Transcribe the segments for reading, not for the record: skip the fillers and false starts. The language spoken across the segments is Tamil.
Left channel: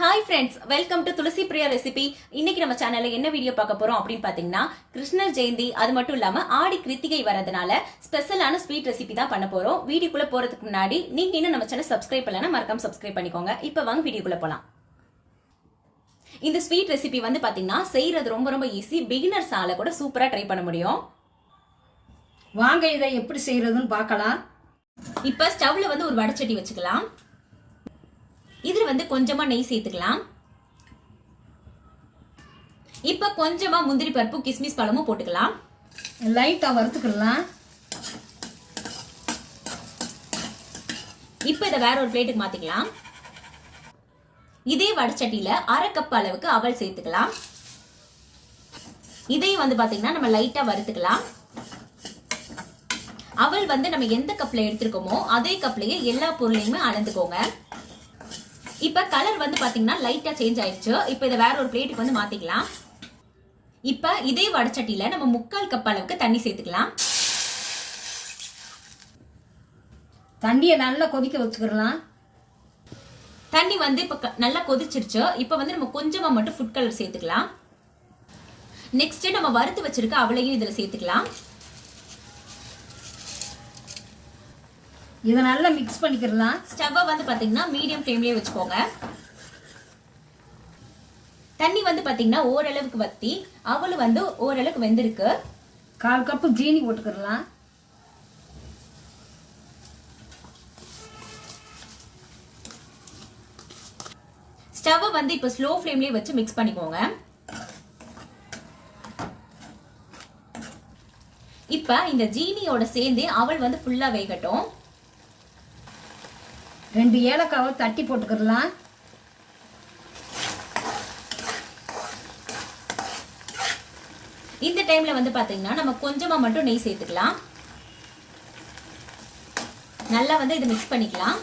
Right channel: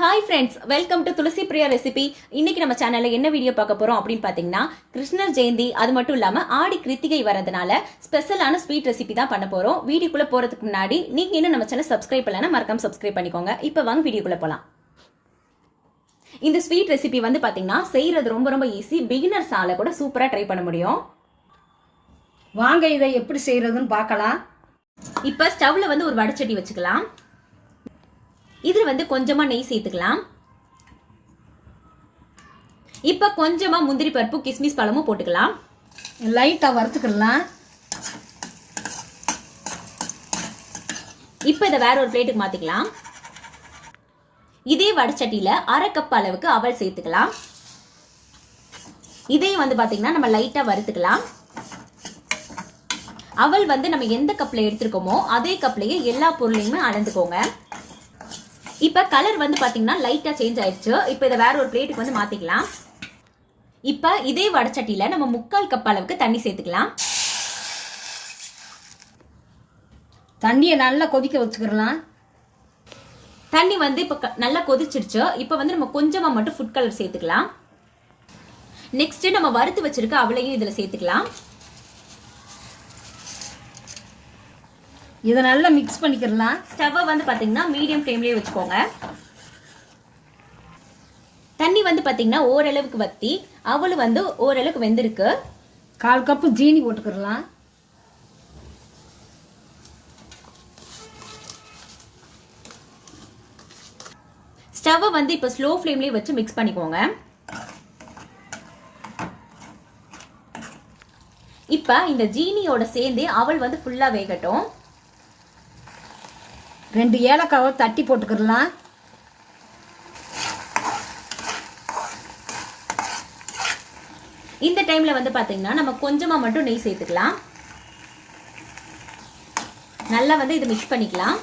Hi friends, welcome to Tulasi Priya recipe. இன்னைக்கு நம்ம சேனல்ல என்ன வீடியோ பார்க்க போறோம் அப்படின்னு பாத்தீங்கன்னா, கிருஷ்ணர் ஜெயந்தி அது மட்டும் இல்லாம ஆடி கிருத்திகை வரதுனால ஸ்பெஷலான ஸ்வீட் ரெசிபி தான் பண்ண போறோம். வீடியோக்குள்ள போறதுக்கு முன்னாடி நீங்க இன்னும் நம்ம சேனல் சப்ஸ்கிரைப் பண்ணலன்னா மறக்காம சப்ஸ்கிரைப் பண்ணிக்கோங்க. இப்போ வாங்க வீடியோக்குள்ள போலாம். இந்த ஸ்வீட் ரெசிபி வந்து பாத்தீங்கன்னா செய்யறது ரொம்ப ரொம்ப ஈஸி. பிகினர்ஸால கூட சூப்பரா ட்ரை பண்ண முடியும். வாங்க இதை எப்படி செய்யறதுன்னு பார்க்கலாம். இப்ப ஸ்டவ்ல வந்து ஒரு வடச்சட்டி வச்சுக்கலாம். இதுல வந்து கொஞ்சமா நெய் சேர்த்துக்கலாம். இப்ப கொஞ்சமா முந்திரி பருப்பு கிஸ்மிஸ் பழமும் போட்டுக்கலாம். லைட்டா வறுத்துக்கலாம். இப்ப இதை வேற ஒரு பிளேட்டுக்கு மாத்திக்கலாம். இதே வடச்சட்டியில அரை கப் அளவுக்கு அவல் சேர்த்துக்கலாம். இதையும் வந்து பாத்தீங்கன்னா நம்ம லைட்டா வறுத்துக்கலாம். அவல் வந்து நம்ம எந்த கப்ல எடுத்திருக்கோமோ அதே கப்லயே எல்லா பொருளையுமே அளந்துக்கோங்க. இப்ப கலர் வந்து பாத்தீங்கன்னா லைட்டா சேஞ்ச் ஆயிடுச்சு. இப்ப இதை வேற ஒரு பிளேட்டுக்கு வந்து மாத்திக்கலாம். இப்ப இதே வடச்சட்டியில நம்ம 3/4 கப் அளவுக்கு தண்ணி சேர்த்துக்கலாம். தண்ணியை நல்லா கொதிக்க வச்சுக்கலாம். தண்ணி வந்து இப்ப நல்லா கொதிச்சிருச்சு. இப்ப வந்து நம்ம கொஞ்சமா மட்டும் ஃபுட் கலர் சேர்த்துக்கலாம். நெக்ஸ்ட் நம்ம வறுத்து வச்சிருக்க அவளையும் இதுல சேர்த்துக்கலாம். இதை நல்லா மிக்ஸ் பண்ணிக்கலாம். ஸ்டவ்வை வந்து பாத்தீங்கன்னா மீடியம் ஃப்ளேம்லயே வச்சுக்கோங்க. தண்ணி வந்து பாத்தீங்கன்னா ஓரளவுக்கு வத்தி அவளு வந்து ஓரளவுக்கு வெந்திருக்கு. 1/4 கப்பு ஜீனி போட்டுக்கலாம். ஸ்டவ்வை வந்து இப்ப ஸ்லோ ஃப்ளேம்லயே வச்சு மிக்ஸ் பண்ணிக்கோங்க. இப்ப இந்த ஜீனியோட சேர்ந்து அவள் வந்து ஃபுல்லா வேகட்டும். 2 ஏலக்காவை தட்டி போட்டுக்கலாம். இந்த டைம்ல வந்து பாத்தீங்கன்னா நம்ம கொஞ்சமா மட்டும் நெய் சேர்த்துக்கலாம். நல்லா வந்து இதை மிக்ஸ் பண்ணிக்கலாம்.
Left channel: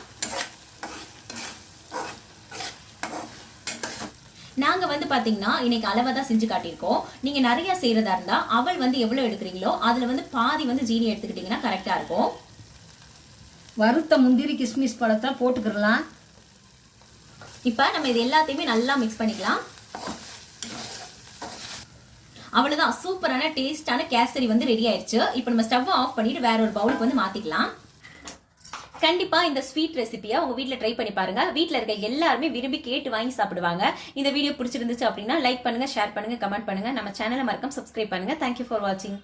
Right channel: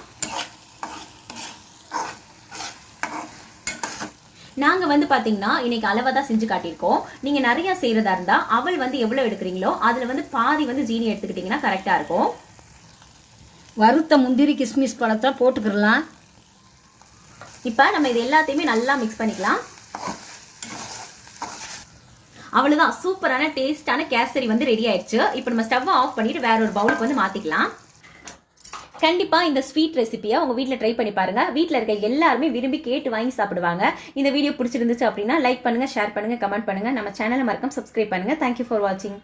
நாங்க வந்து பாத்தீங்கன்னா இன்னைக்கு அளவா தான் செஞ்சு காட்டியிருக்கோம். நீங்க நிறைய செய்யறதா இருந்தா அவள் வந்து எவ்வளவு எடுக்கிறீங்களோ அதுல வந்து பாதி வந்து ஜீனி எடுத்துக்கிட்டீங்கன்னா கரெக்டா இருக்கும். வறுத்த முந்திரி கிஸ்மிஸ் பழத்தை போட்டுக்கலாம். இப்ப நம்ம இது எல்லாத்தையுமே நல்லா மிக்ஸ் பண்ணிக்கலாம். அவ்வளவுதான், சூப்பரான டேஸ்டான கேசரி வந்து ரெடி ஆயிடுச்சு. இப்போ நம்ம ஸ்டவ் ஆஃப் பண்ணிட்டு வேற ஒரு பவுலுக்கு வந்து மாத்திக்கலாம். கண்டிப்பா இந்த ஸ்வீட் ரெசிபியை உங்க வீட்ல ட்ரை பண்ணி பாருங்க. வீட்ல இருக்க எல்லாருமே விரும்பி கேட்டு வாங்கி சாப்பிடுவாங்க. இந்த வீடியோ பிடிச்சிருந்துச்சு அப்படின்னா லைக் பண்ணுங்க, ஷேர் பண்ணுங்க, கமெண்ட் பண்ணுங்க. நம்ம சேனலை மறக்காம சப்ஸ்கிரைப் பண்ணுங்க. தேங்க்யூ ஃபார் வாட்சிங்.